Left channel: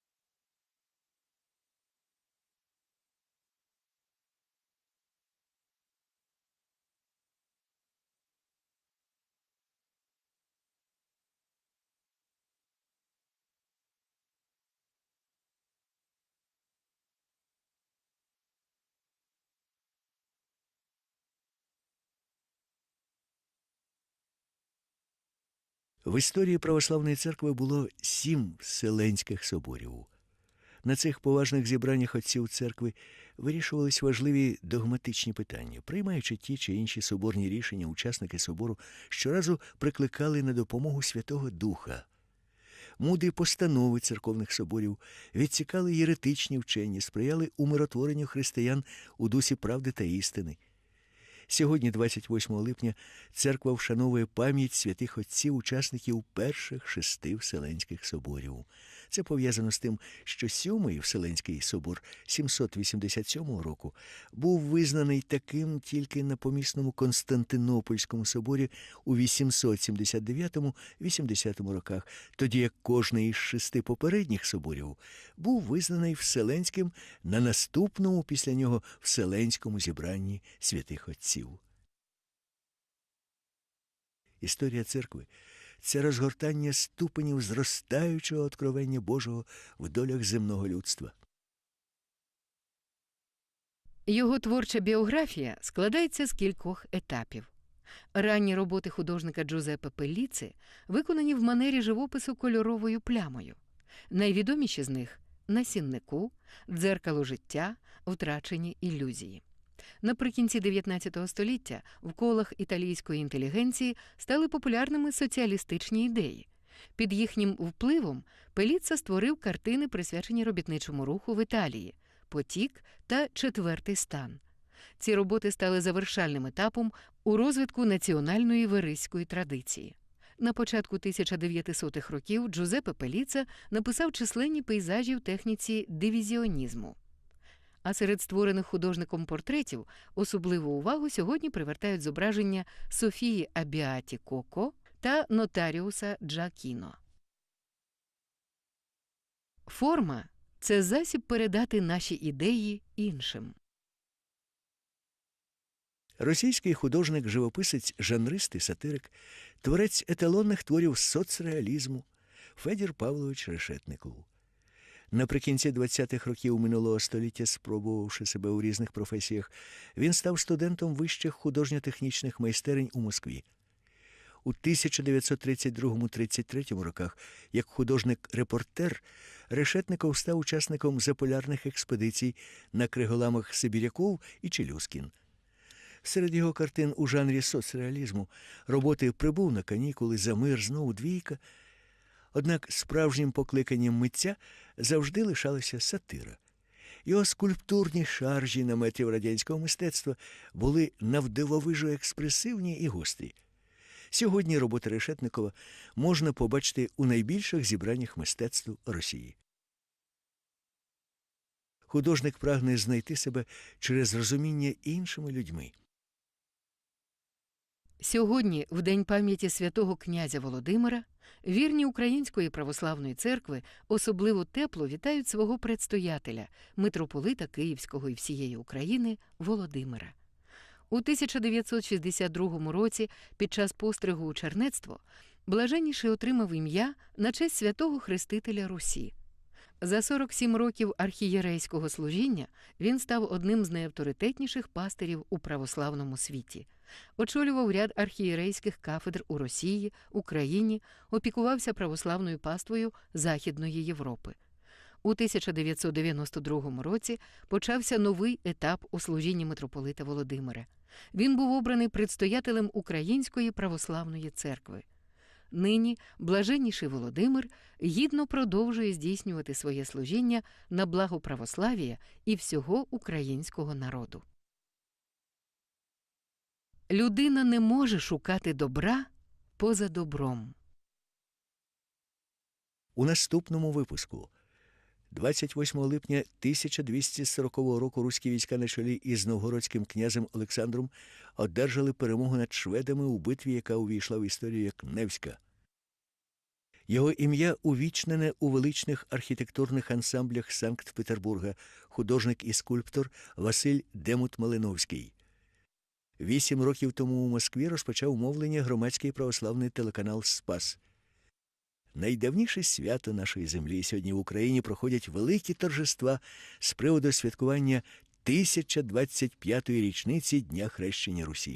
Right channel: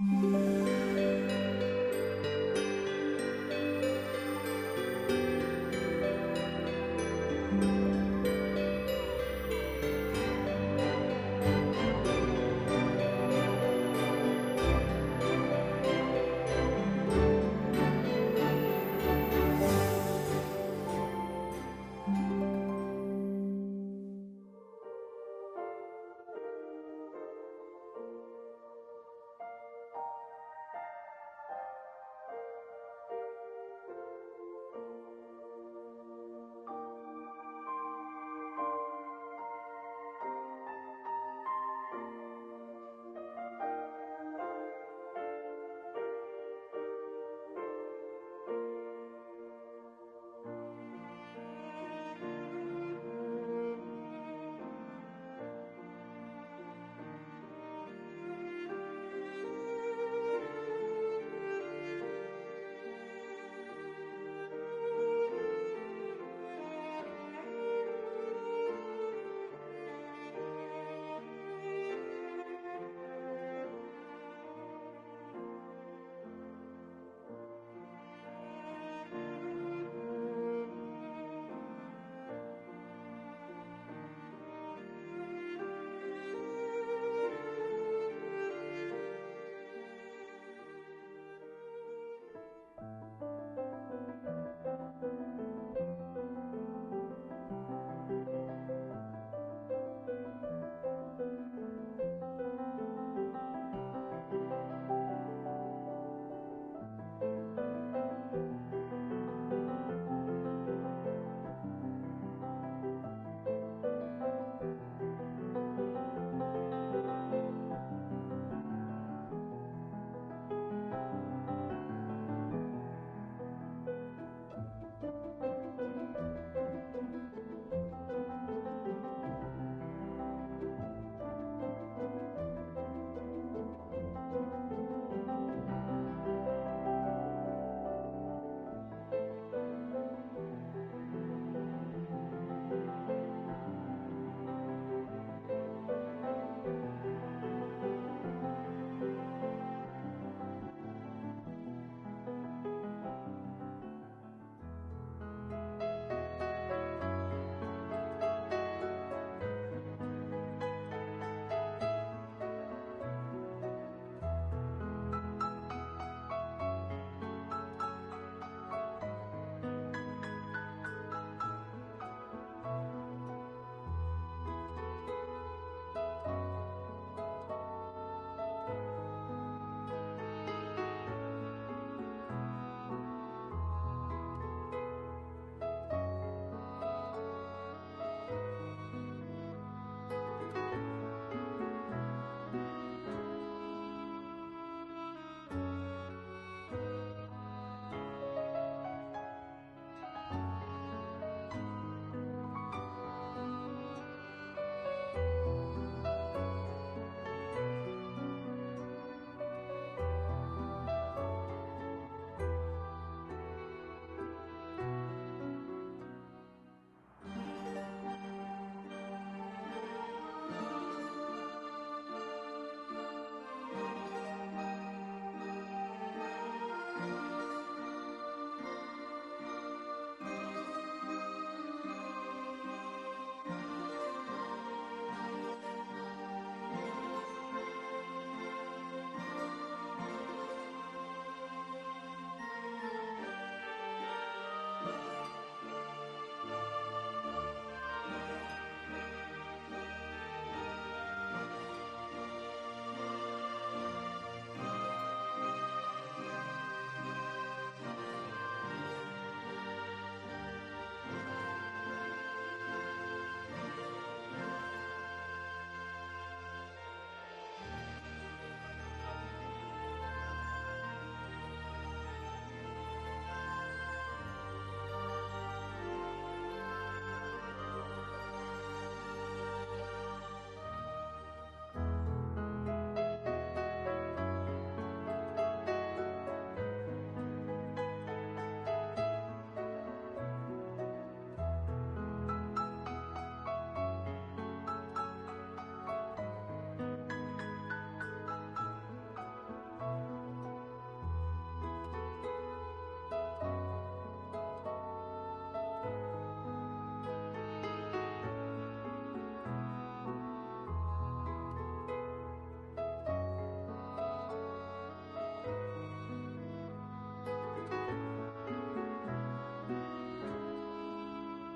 Música В історії православної церкви було сім вселенських соборів. На цих поважних зібраннях отців церкви вирішувались важливі догматичні питання. Приймаючи ті чи інші соборні рішення, учасники собору щоразу прикликали на допомогу Святого Духа. Мудрі постанови церковних соборів відсікали єретичні вчені, сприяли умиротворенню християн у дусі правди та істини. Сьогодні, 28 липня, церква вшановує пам'ять святих отців, учасників перших шести вселенських соборів. Це пов'язано з тим, що сьомий Вселенський собор 787 року був визнаний таким тільки на помісному Константинопольському соборі у 879-80 роках, тоді як кожний із шести попередніх соборів був визнаний Вселенським на наступному після нього Вселенському зібранні святих отців. Історія церкви це розгортання ступенів зростаючого откровення Божого в долях земного людства. Його творча біографія складається з кількох етапів. Ранні роботи художника Джузеппе Пелліци виконані в манері живопису кольоровою плямою. Найвідоміші з них на сіннику, дзеркало життя, втрачені ілюзії. Наприкінці 19 століття в колах італійської інтелігенції стали популярними соціалістичні ідеї. Під їхнім впливом Пеліца створив картини, присвячені робітничому руху в Італії Потік та Четвертий стан. Ці роботи стали завершальним етапом у розвитку національної вериської традиції. На початку 1900-х років Джузеппе Пеліца написав численні пейзажі в техніці дивізіонізму. А серед створених художником портретів особливу увагу сьогодні привертають зображення Софії Абіаті Коко та нотаріуса Джакіно. Форма це засіб передати наші ідеї іншим. Російський художник, живописець, жанрист і сатирик, творець еталонних творів соцреалізму Федір Павлович Решетников. Наприкінці 20-х років минулого століття, спробувавши себе у різних професіях, він став студентом вищих художньо-технічних майстерень у Москві. У 1932-33 роках, як художник-репортер, Решетников став учасником заполярних експедицій на криголамах Сибіряков і Челюскін. Серед його картин у жанрі соцреалізму роботи прибув на канікули, замерзнув двійка. Однак справжнім покликанням митця завжди лишалася сатира. Його скульптурні шаржі наметів радянського мистецтва були навдивовижу експресивні і гострі. Сьогодні роботи Решетникова можна побачити у найбільших зібраннях мистецтв Росії. Художник прагне знайти себе через розуміння іншими людьми. Сьогодні, в день пам'яті святого князя Володимира, вірні Української православної церкви особливо тепло вітають свого предстоятеля, митрополита Київського і всієї України Володимира. У 1962 році, під час постригу у чернецтво, блаженніший отримав ім'я на честь святого Хрестителя Русі. За 47 років архієрейського служіння він став одним з найавторитетніших пастирів у православному світі. Очолював ряд архієрейських кафедр у Росії, Україні, опікувався православною паствою Західної Європи. У 1992 році почався новий етап у служінні митрополита Володимира. Він був обраний предстоятелем Української православної церкви. Нині блаженніший Володимир гідно продовжує здійснювати своє служіння на благо православ'я і всього українського народу. Людина не може шукати добра поза добром. У наступному випуску. 28 липня 1240 року руські війська на чолі із новгородським князем Олександром одержали перемогу над шведами у битві, яка увійшла в історію як Невська. Його ім'я увічнене у величних архітектурних ансамблях Санкт-Петербурга, художник і скульптор Василь Демут Малиновський. Вісім років тому у Москві розпочав мовлення громадський православний телеканал Спас. Найдавніше свято нашої землі сьогодні в Україні проходять великі торжества з приводу святкування 1025-ї річниці Дня хрещення Русі.